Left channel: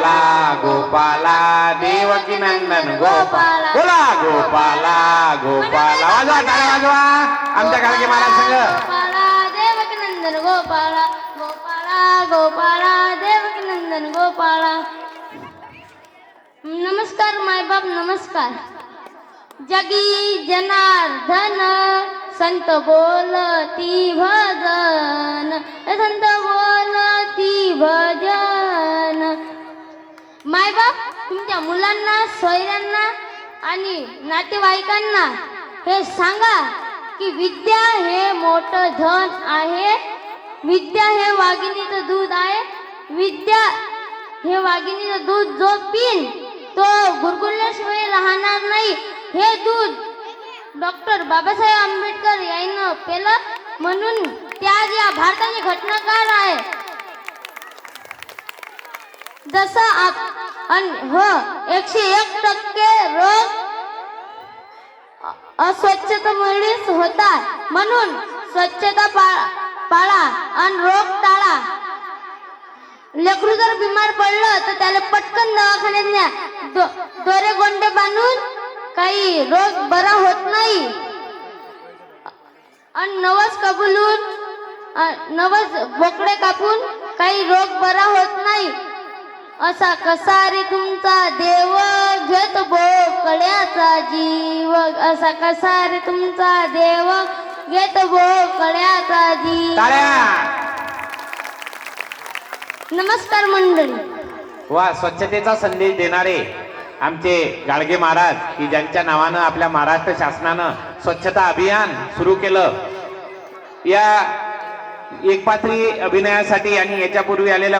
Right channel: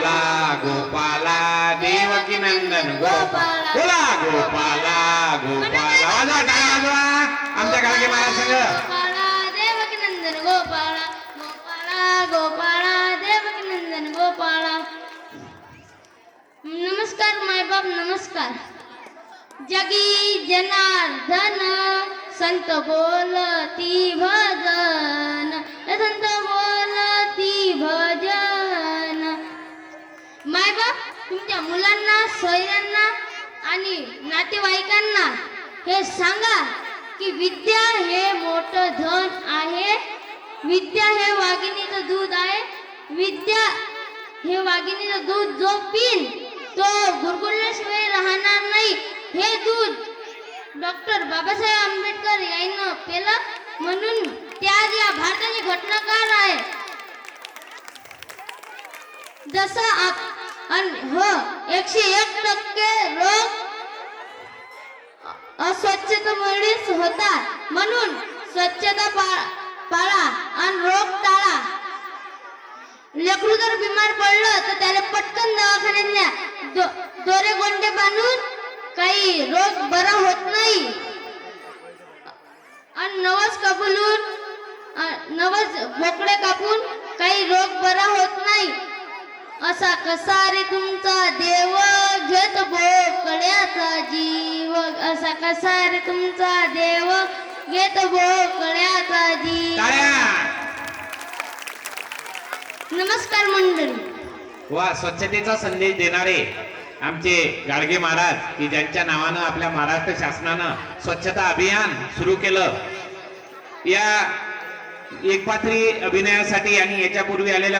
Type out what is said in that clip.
गोपाला गोपाला देवकी नंदन गोपाला बोला गोपाला गोपाला वाजवा टाळ्या वाजवा आमच्या गाडगे महाराज संघ गोपाला देवकी नंदन गोपाला गोपाला गोपाला देवकी नंदन गोपाला. नमस्कार मायबाप नमस्कार. जगी जनार्दन संत बोलती भजन संत बोलती भजन. मायबाप तुमच्या मुलांना सोयऱ्यांना आणि नातेवाईकांना हे सांगा की विद्या हे मोठं धन आहे. विद्या हे वाघिणीचं दूध आहे. विद्या हे वाघिणीचं दूध जो पिन तो गुरगुरल्याशिवाय राहणार नाही. हे दूध डॉक्टर बाबासाहेब आंबेडकर यांनी पेलं म्हणून त्या या भारताचे घटनाकार आहे. जसा हो 101% रोग अस्वच्छतेमुळेच होतात म्हणून स्वच्छता पाळा आणि रोग टाळा. लेकरू जर बिमार पडलं तर त्याला पटकन दवाखान्यात न्या. दोरे गोंडे बांधून काही रोग बरा होत नाही. आणि नवस कबूलून नवस बोकडे कापून काही रोग बरा होत नाही. असा कसा रे तुमचा देव घेत बोकड्याचा जीव. असा कसा रे तुमचा देव घेत बोकड्याचा जीव. नमस्कार मंडळी. वा स्वच्छतेचा संदेश देणारे आमचे गाडगे महाराज की ज्यांच्या नावानं आपल्या महाराष्ट्र शासनानं स्वच्छता अभियान सुरू केलं. या एकपात्री अभिनयासाठी आणि याच्यापूर्वी आलेल्या